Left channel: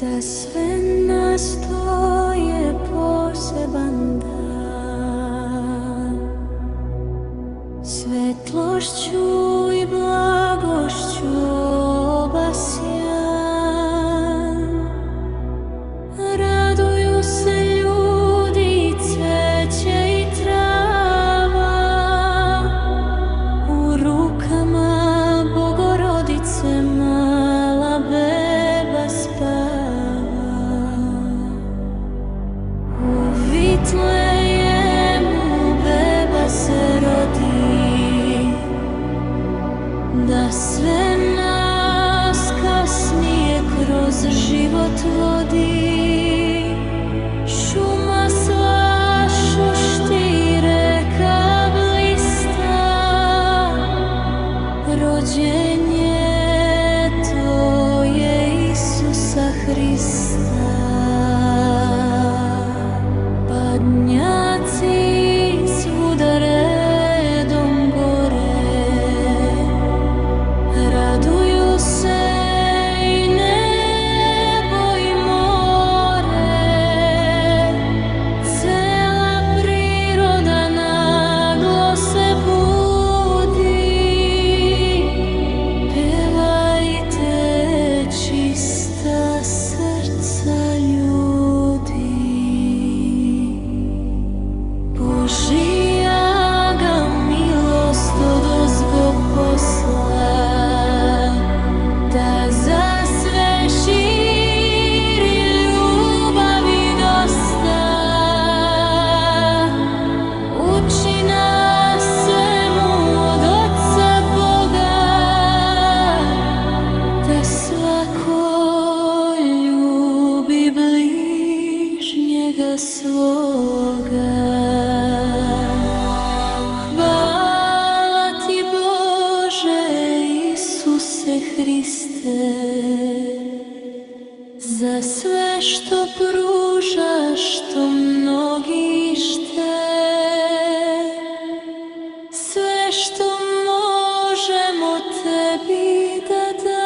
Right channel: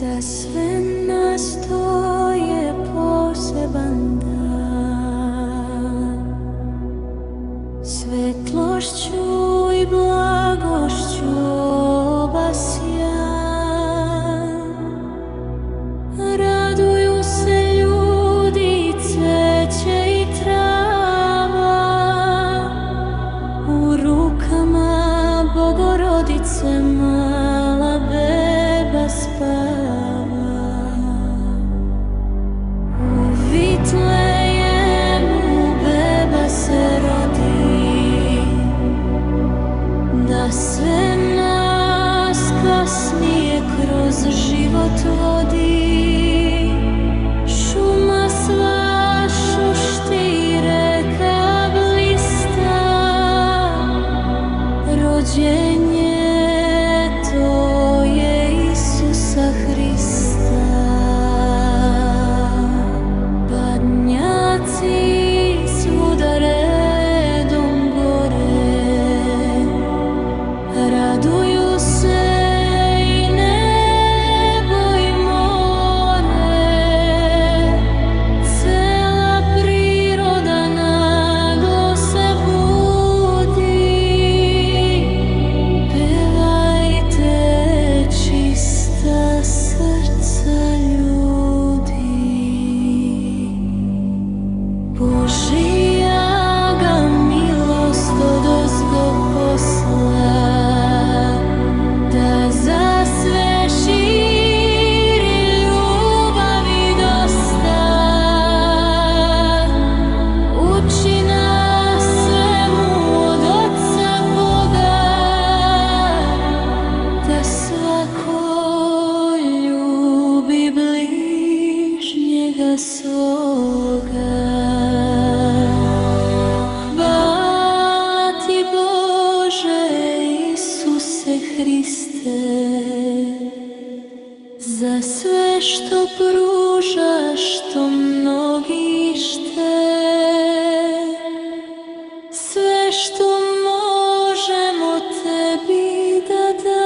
Za sve nas to je poseban dan, svetlošću i blagošću obasjan. Raduju se ljudi, cveće i trava, u rukama Bogorodice mala beba spava. U Vitlejemu beba se rodi, da sve nas kasnije kroz život vodi. Šuma sva šušti, reka blista, rođenje to je Isusa Hrista. Padnjaci svuda redom gore, raduju se i nebo i more. Cela priroda naglo se budi, pevajte čista srca ljudi. Božija ga milost odozgo posla, da za sve širi ljubavi dosta. Uči nas svemu od Oca Boga, da svako ljubi bližnjega svoga. Hvala ti Bože Isuse Hriste, za sve što pružaš, što mnogi šte. Sve što možemo tebi da damo,